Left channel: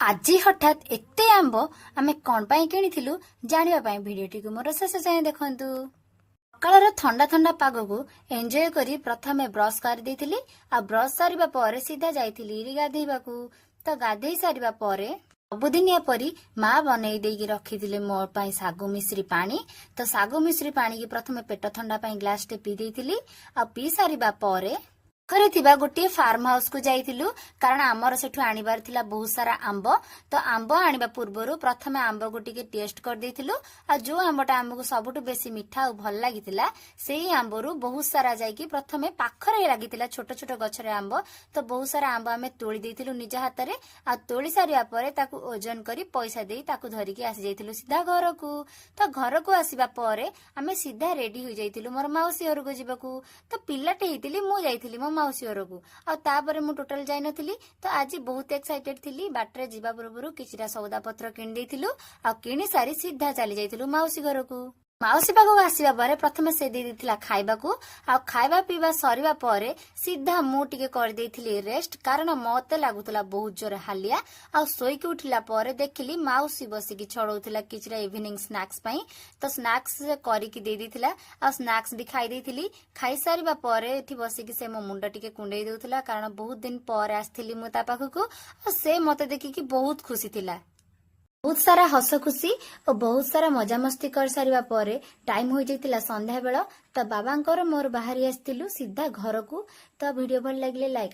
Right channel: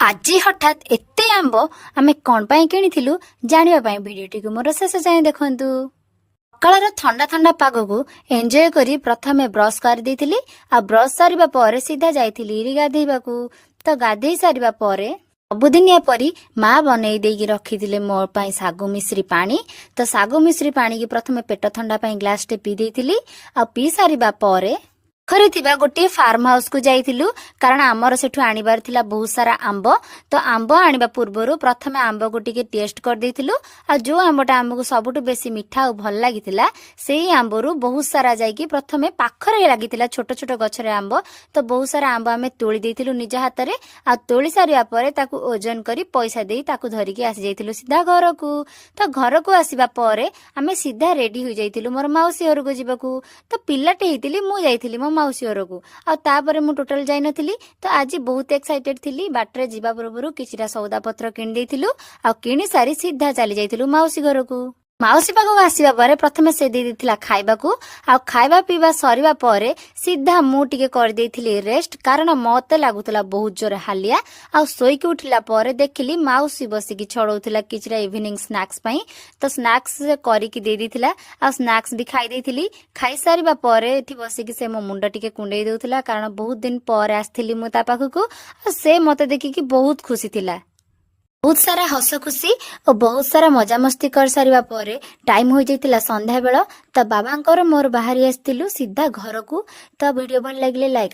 आज हठात एते आंब आमे कौन पाई किनिथिलु जानिबा पाई भिडियोटी को मोर शेष जाए देखंतु। सकाळर ठंडा ठंडा पाग को एंजॉय करी प्रथमे ब्रश कर देथिली आ ब्रश सारिबा परे सीधा जाइथिली गाधेइबाकू। तो गाधेई सारिबा परे सबुदिनिया परी माँ बनई देगी रखिथिले मोर पाई सागु मिश्री पानी। तो सागु मिश्री पानी की प्रथमे पेट ठंडा पाई ग्लास टे पी देथिली आ पी सारिबा परे घरे थिबा गोटे फार्म हाउस को जाइथिलु कारण आमर सेठु आनिबार थिला बहुत सारा आंब। तो आंब आनिबा पूर्वरु प्रथमे आंब को टिके टेस्ट कर देथिलु आ जो आंबटा आमको सबुठु बेसी मिठा और भल लागिथिला सेही आंबरु बहुत सारा जाइकी प्रथमे पाखरे लागिथिला छोट छोट गछरे आंब। तो बहुत सारा आंब आमे तोଳି देथिलु निज हातरे आ तोଳି सारिया परे ताकू ओजन करी पैसा देई ताकू धरिकी आसी जाइथिलु सीधा घर को। तो घर को आसीबा परे आमे सीधा रेडी हो जाइथिलु मोर मौसी घर को जिबाकू। तो पिल्लाटे हेतिली मु जाइथिली मो मौसी घर को आ तापरे मु टोटल जाई नथिली। तो आज बहुत एक्साइटेड थिली बाटरे जिबा पूर्वरु किछिटा सौदा पत्र किन देथिलु आ किनि सारी सीधा चली जाइथिलु मौसी घर को। मौसी पाखक आसीबा परे प्रथमे से दे देथिला खाइबाकू आ खाइबा पीबा सरीबा परे सीधा मु टिके कर देथिली रेस्ट कारण मते लागुतला बहुत जोर हालिया आ सोईकी उठिला परे देखिली मौसी बसिकी छड़ौथिला किछरा इवनिंग स्नैक्स पई। तो स्नैक्स करिकी दे देथिला आ स्नैक्स भी खाई देथिली। खाई सारिबा परे एठी बसिकी से मो मुंडा टिके कुंडई देउथिला कारण बहुत दिन पर आस्थिली मु ता पाखकू आ से मते देखिकी बहुत खुशी थिला। बहुत सारा हस खुशी और बहुत सारा मजा मस्ती कर सारिबा परे टाइम हो जाइतिला संध्या बेला। तो बाबांकर मोर बाहरी आस्थिलु सीधा घर को। तो वीडियो भल लागले लाइक